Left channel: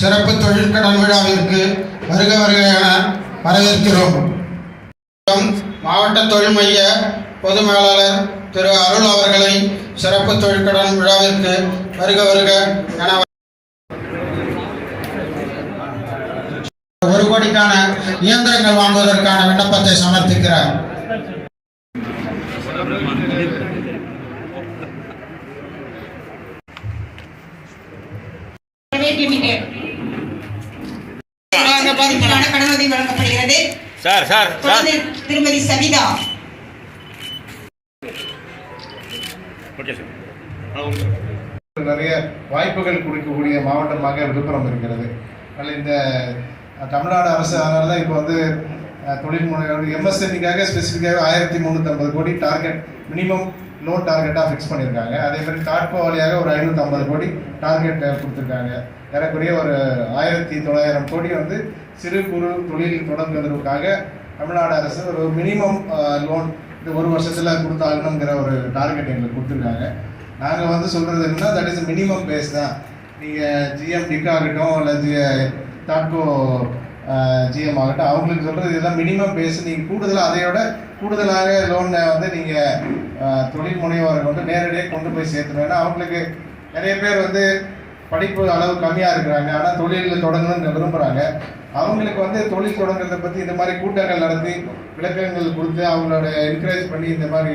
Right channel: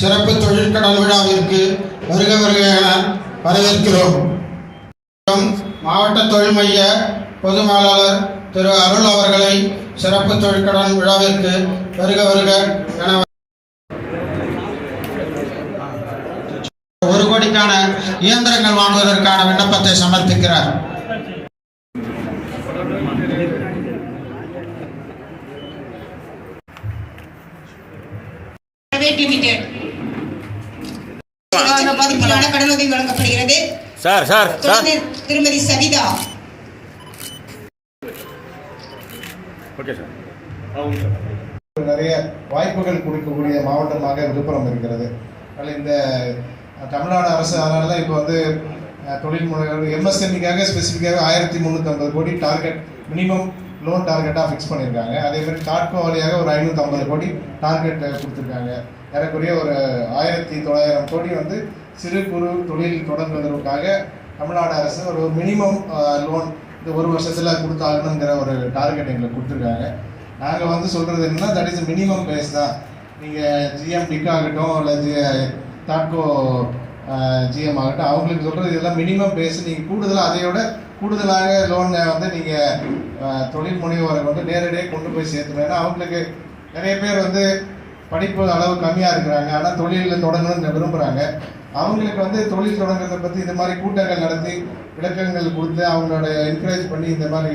சிறப்பு தொழில் கடன் விழாவிற்கு வருக வருக என வரவேற்கிறோம். மாவட்ட தொழில் மைய பொது மேலாளர் திரு அருள் அவர்களை சிறப்பு தொழிற்கடன் விழாவிற்கு வருக வருக என ஒரு கோடிக்கான இயந்திரங்கள் வாங்குவதற்கான விண்ணப்பத்தை சமர்ப்பிக்கிறார். லிமிடெட் பாதிப்புக்கான கடனுதவி வழங்கப்படுகிறது. சார் சார் திருமதி சவிதா நிறைய வாய்ப்புகள் கொடுக்கக்கூடிய மாவட்டமாக விழுப்புரம் இருக்கிறது. இந்த தமிழ்நாடு அரசு அதனால இப்போ வந்து தொழில் முனைவர் எம்எஸ்எம்இக்காக ஸ்பெசிஃபிக்காக ஆயிரத்தி முந்நூற்றம்பது கோடி டார்கெட் மினிமம் லோன் டார்கெட்டாக ஃபிக்ஸ் பண்ணியிருக்காங்க. அதே மாதிரி காட்கோ வழியாக ஒரு ஐநூற்றம்பது கோடி டார்கெட் கொடுத்துருக்காங்க. ஏறக்குறைய ஒரு ஆயிரத்தி தொள்ளாயிரம் கோடி வந்து சிறு குறு தொழில் தொடங்குவதற்காக தமிழ்நாடு அரசு ஒரு மினிமம் லோன் இந்த ஒரு வருஷத்தில் கொடுத்தாகணுங்கிற ஒரு டார்கெட் எங்களுக்கு கொடுத்துருக்காங்க. நாங்கள் வந்து சொல்கிறது என்னன்னா தட் இஸ் மினிமம் பேஸ் தான். நீங்கள் ஜிஎம்டிக்கு ஆகட்டும் அல்லது தாட்கோ ஜிஎம் ஆகட்டும் அவங்களுக்கு சொல்கிறது இதெல்லாம் மினிமம் பேஸ் நீங்கள் கூடுதலாக அதையோட கூடுதலாக லோனை வந்து நீங்கள் தொழில் முனைவோரை வந்து நேரடியாக கொண்டு போய் சேர்த்துணும் அவங்களுக்கு நிறைய பேர் வந்து படிப்பு அளவு கம்மியாக இருக்கிறாங்க. ஆனால் தொழிலில் தொடங்கணும்னு விரும்புகிறாங்க அவங்களுக்கு வந்து தொழில் தொடங்குறதை பற்றி இந்த மாதிரி கூட்டங்கள் நடத்தி விளக்கங்கள் கொடுத்து அவங்களோட என்கரேஜ் பண்ணி இந்த மாதிரி